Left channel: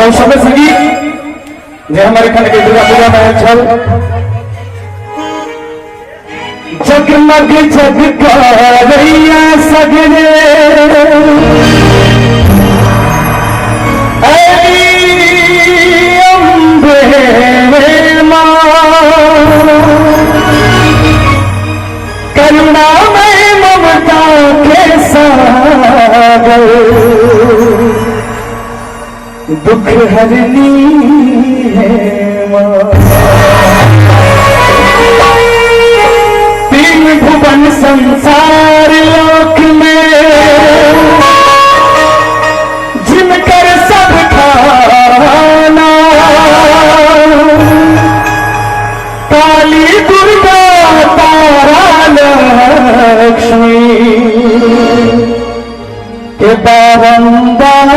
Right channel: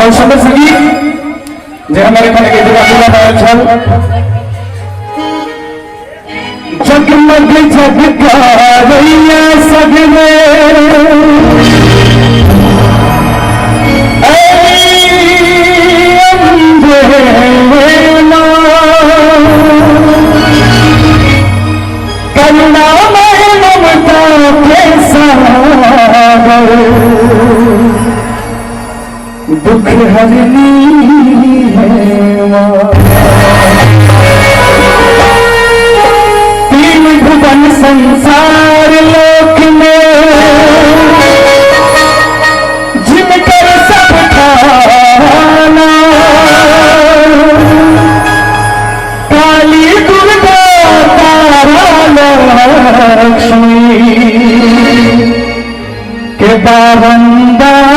और सुंदर संगीत जे हमारे मन के दुर्गा पूजा में छल जगमग जगमगैया सगरे करुणा में ममता के सागर दुख हरनी है तीन भुवन संसार लोक में जिनकर सब खाना काली दुर्गा तारा लक्ष्मी के बावंदार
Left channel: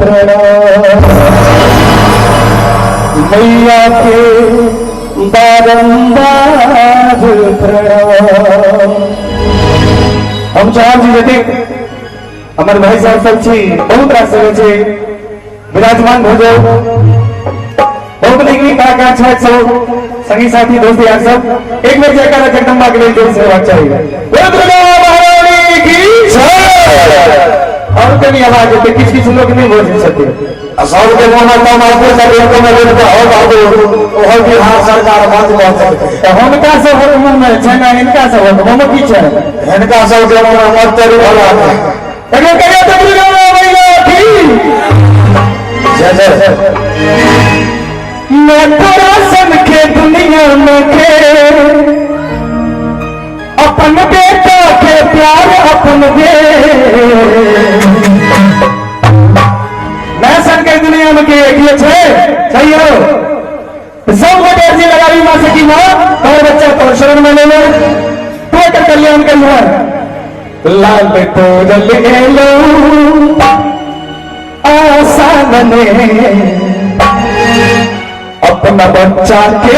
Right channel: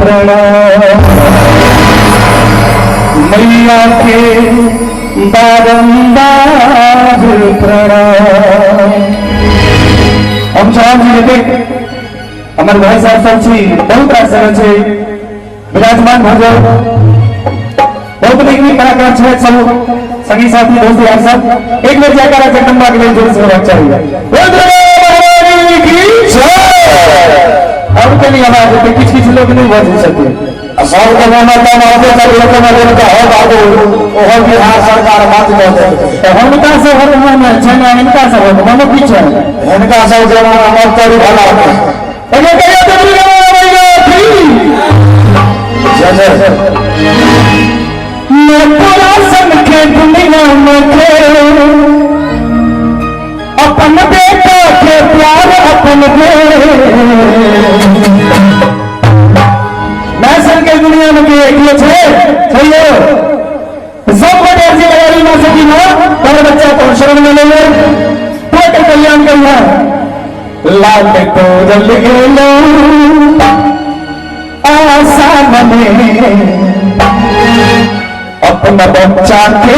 प्रणाम मैया के बावंदार प्रणाम। हम चाहब जी यदि हमारे भाई साहब सब छी बहुत रास छे विराजमान हो जाए बहुत नीक कलाकार छे सब संगी साथी दोस्त यार सब एक बार जयकारा जगदम्बा के लिए जोर से होना चाहिए। दुर्गा महारानी की जय। और कनी आवाज होते किछ लोग नहीं बोल सकते सब के नाम नाम आते चले तो मैं लोग हो बाबू ओह बिहार सरकार बात करते हमका से हम छना इनका से हम पीछे इनका सब जो हमर तेरी भला है कहे कहे दुर्गा मैया की जय जय। मैं पूरा सन के दुनिया में थे अपन बेटा के प्यार अपन दे मैं सन के दुनिया में के एक छे सही हो सब को अर्जी लगाई मां से की मां और बच्चा तो शरण में ले ले तो कल्याण करिए लाल तो जल गेलो आसान में अपना बच्चा के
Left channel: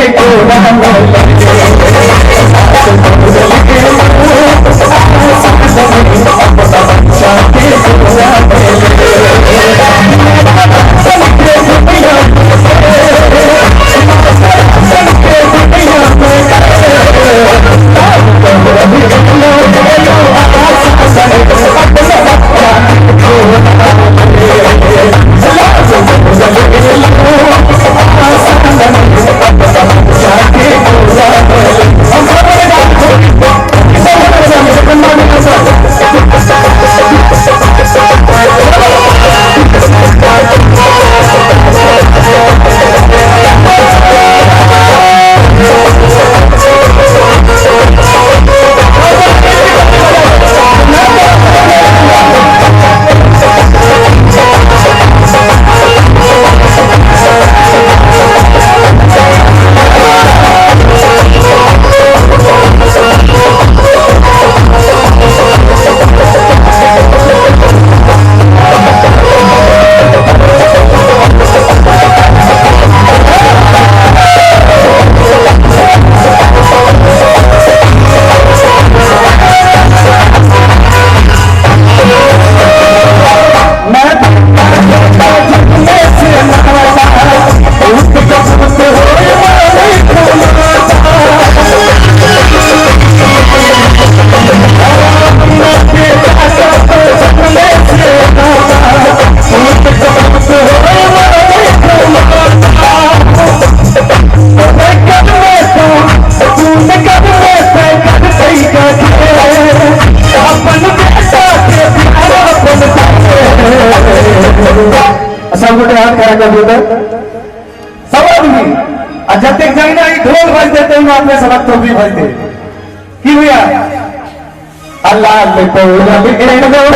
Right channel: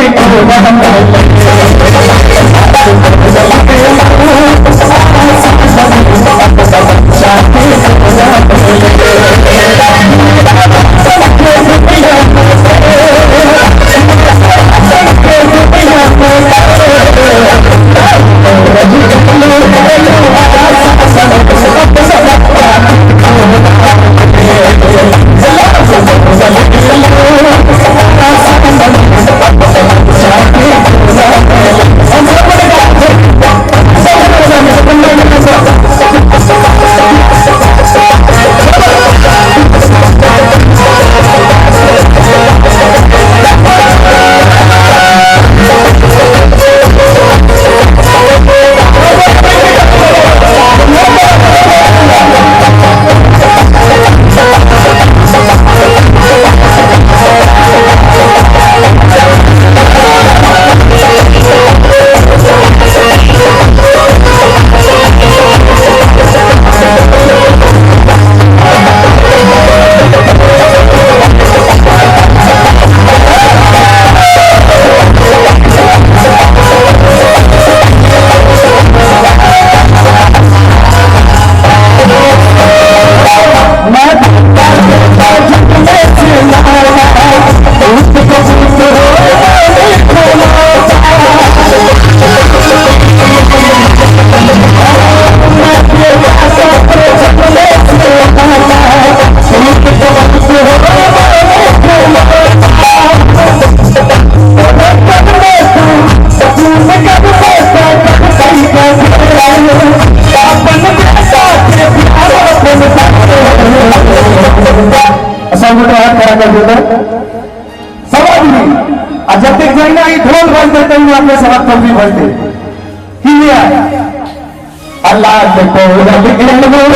जब तक जाइना ढोल बज देते हैं अपने सबक तो भी बजते की हुआ अल्लाह के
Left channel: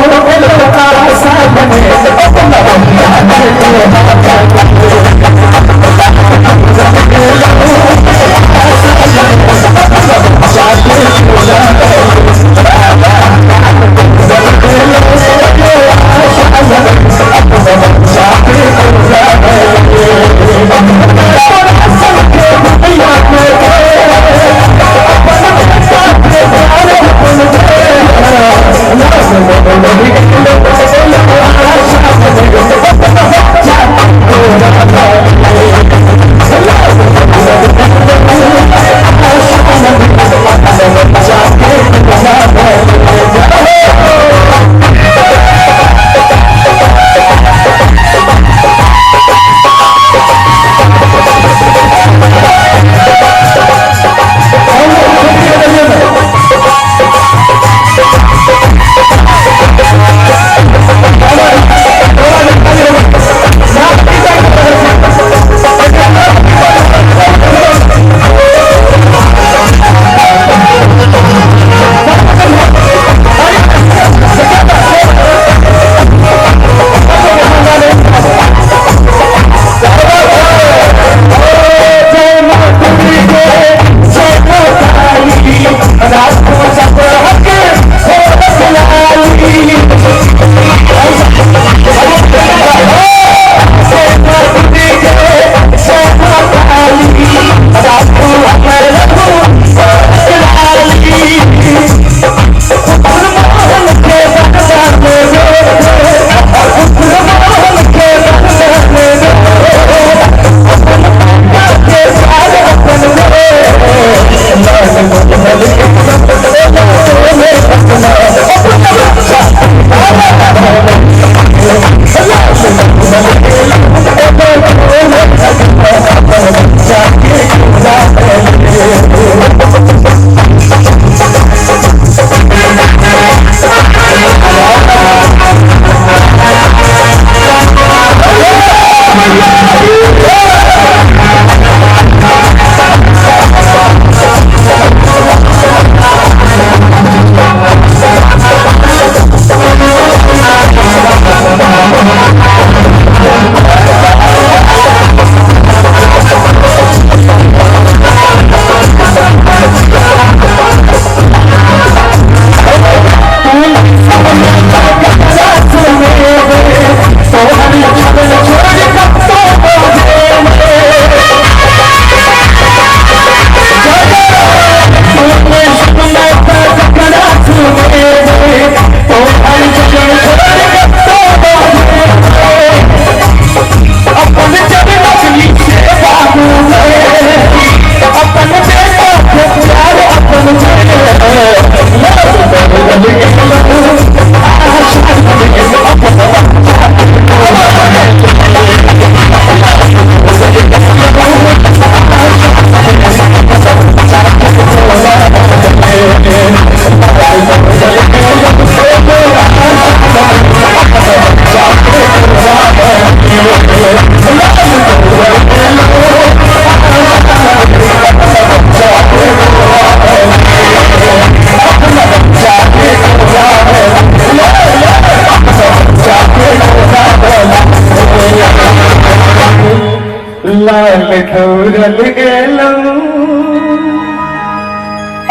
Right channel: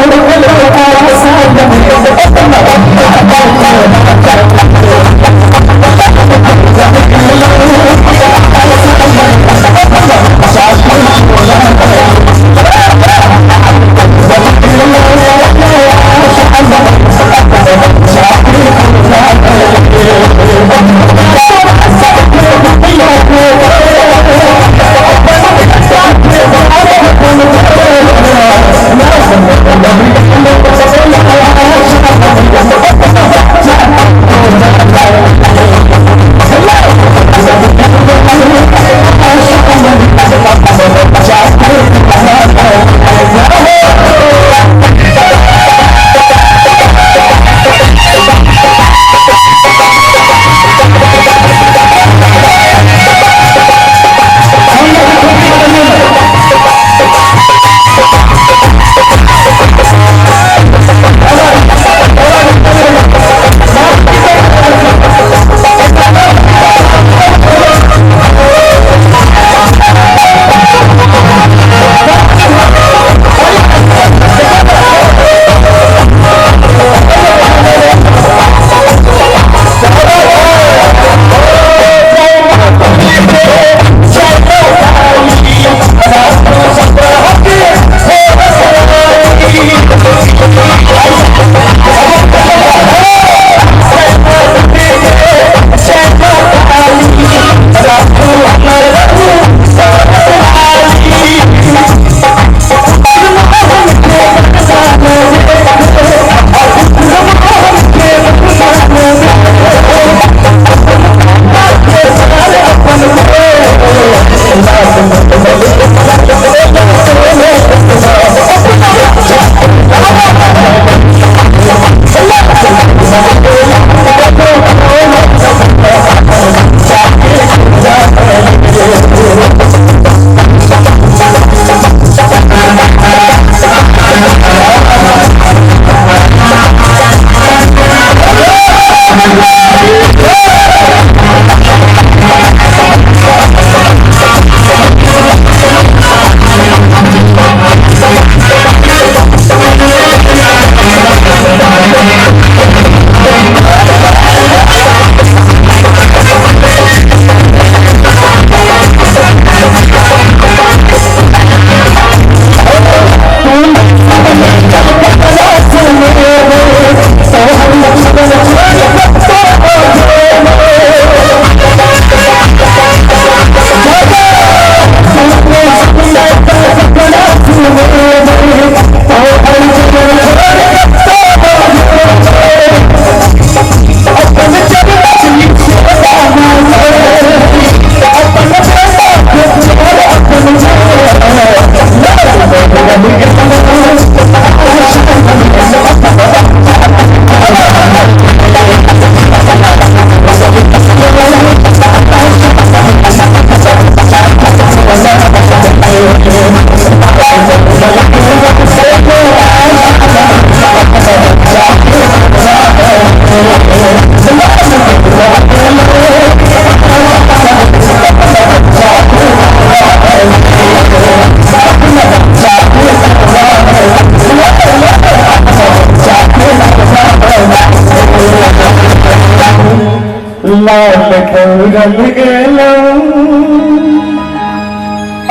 लाल तोरल गेलो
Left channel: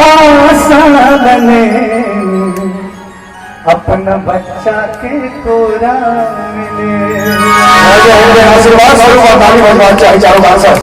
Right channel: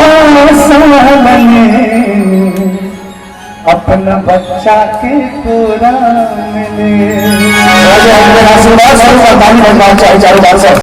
आशा बने अपना बच्चा के पूरा मिले। आशीर्वाद चारों बार से